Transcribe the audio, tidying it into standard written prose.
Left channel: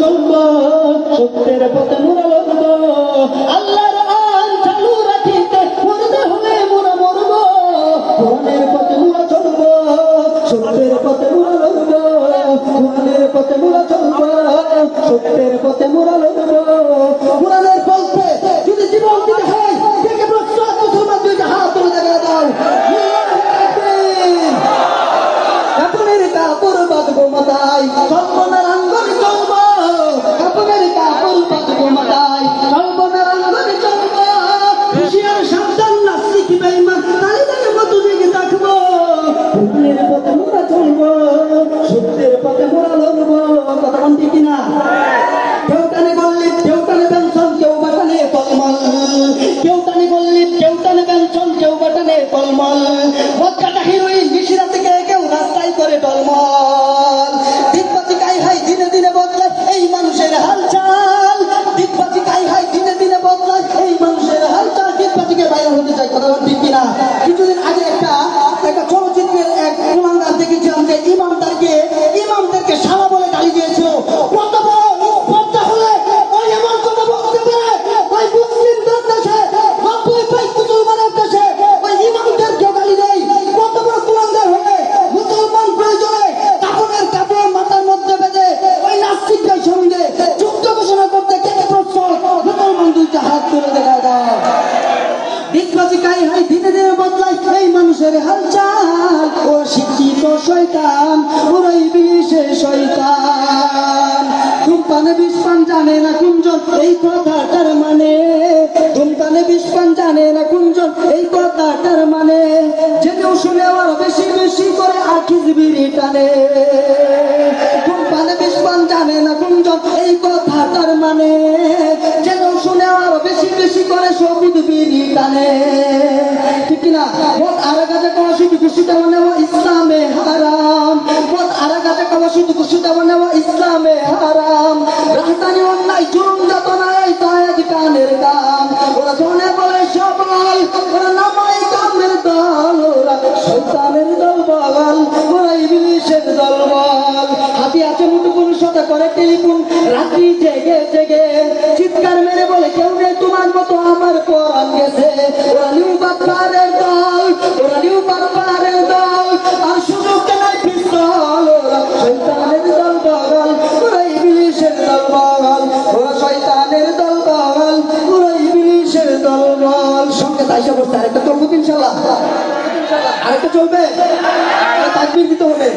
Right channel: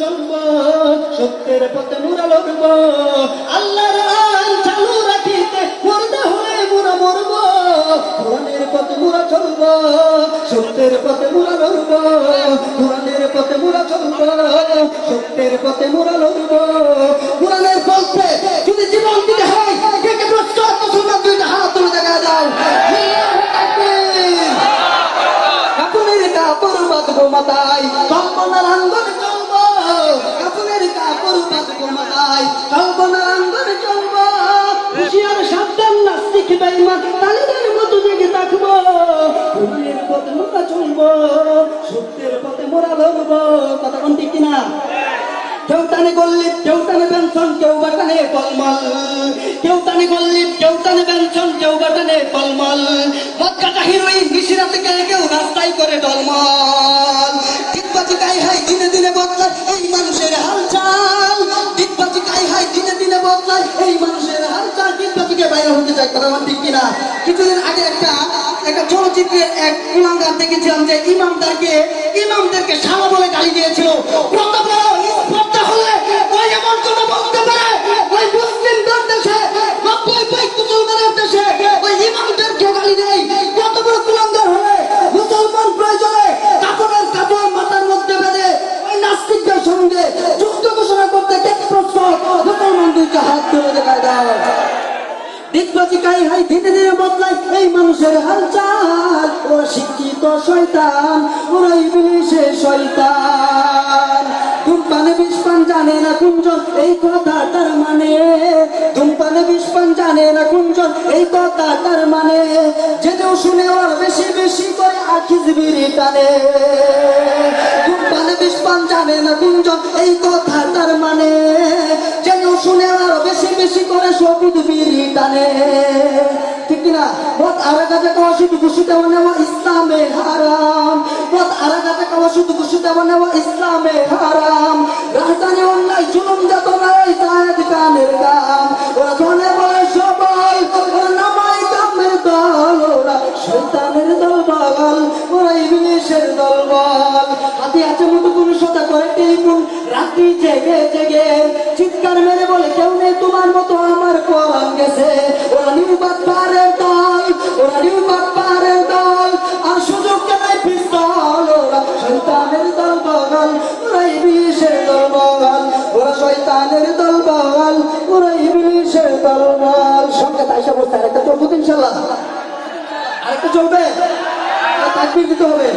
চলবো, সত্যের পথে মোরা লড়বো, আল্লাহর আইন চালু রাখিতে মরতে হলে মোরা মরবো। কোরআনের পথে মোরা চলবো, সত্যের পথে মোরা লড়বো, কোরআনের পথে মোরা চলবো, সত্যের পথে মোরা লড়বো। কোরআনের পথে যদি জীবন দিতে হয়, কে কে প্রস্তুত মুসলমান দুইটা হাত তুলে দেখা দাও। কাপুনের কাপড় বাঁধবো মাথায়, চম্পনার আঙ্গন চলবো, কাপুনের কাপড় বাঁধবো মাথায়, চম্পনার আঙ্গন চলবো। হুশিয়ার সাবধান নাস্তিক বেঈমান তালিদের মতো দিকে থাকবো। কোরআনের পথে মোরা চলবো, সত্যের পথে মোরা লড়বো। কথা কোন ঠিক কিনা? কেউ টানে গল্লিপ, কেউ টানে পেনশন, কেউ বা টানে টলমল, কেউ টানে গল্লিপ, কেউ টানে পেনশন, কেউ বা টানে টলমল। মদ কাটা হিরোইন মিশিরাতে কেউ রাস্তায় করে টলমল। ডিগবাজি গাই হাই দিনে দিনে বদলায় এই মানুষের হালচাল, ডিগবাজি গাই হাই দিনে দিনে বদলায় এই মানুষের হালচাল। ডিগবাজিকে বাইরে হতে চাই, কথা ঠিক কিনা? কিছুদিন আগে একটা চলচ্চিত্রের এক কুলাঙ্গার দেখেছিলাম যে ইমামদেরকে শালা বলে গালি দিয়েছিল। কত বড় স্পর্ধা হলে ওই এমন কথা বলতে পারে? ওই মুসলিমদের দেশে, 90% মুসলমানের দেশে ওই ইমামদেরকে গালি দেয়। কত বড় কুলাঙ্গার হলে মুসলমান প্রয়োজনে কাপড়ের কাপড় মাথার মধ্যে বেঁধে ওই নাস্তিকদের সঙ্গে যুদ্ধ ঘোষণা করতে কে প্রস্তুত? মুসলমান দুইটা হাত তুলে দেখা দাও। ডিগবাজি গাই হাই দিনে দিনে বদলায় এই মানুষের হালচাল। ও শিক্ষিত শয়তান, ওরা ইবলিসের শয়তান। ধূমপানে বিষপান জানে না কুঞ্জন এই কথাটার মানে, ধূমপানে বিষপান জানে না কুঞ্জন এই কথাটার মানে। যেতেও শুনে আর বেশি বেশি করে আখিজ বিড়ি টানে। ধূমপানে বিষপান জানে না কুঞ্জন এই কথাটার মানে, যেতেও শুনে আর বেশি বেশি করে সবিদ বিড়ি টানে। ঠিক কিনা? মদ আরেকাতে খাওয়া শুধু খুশিতে নেওয়া ইসলামে হারাম, মদ আরেকাতে খাওয়া শুধু খুশিতে নেওয়া ইসলামে হারাম। রাজধানী অন্যায় জুলুম যাতনায় জায়েদ কানের গান, ওরা ধনে বলে সবাই, ওরা নামাই কামের দল, ওরা শয়তানের দলবল, ওরা ইবলিসের দলবল। হাতে আছে মুঠোফোন সদা করে টেলিফোন, রাত্রি জেগে জেগে চিৎকার মেরে বলে কেউ নেই তোমার মতো আমার কোরআন গেছে। ওরা নিউ বাপ্পারের দল, ওরা নিউ বাপ্পারের দল, আর সুযোগ কেনায় পিস্তল, ওরা শয়তানের দলবল, ওরা ইবলিসের দলবল, ওরা শয়তানের দলবল, ওরা ইবলিসের দলবল। সঙ্গে তাইসা বসতে আরেকটা চলবো ইনশাল্লাহ, আরেকটা চলবে, তাকবীর দিতে হবে।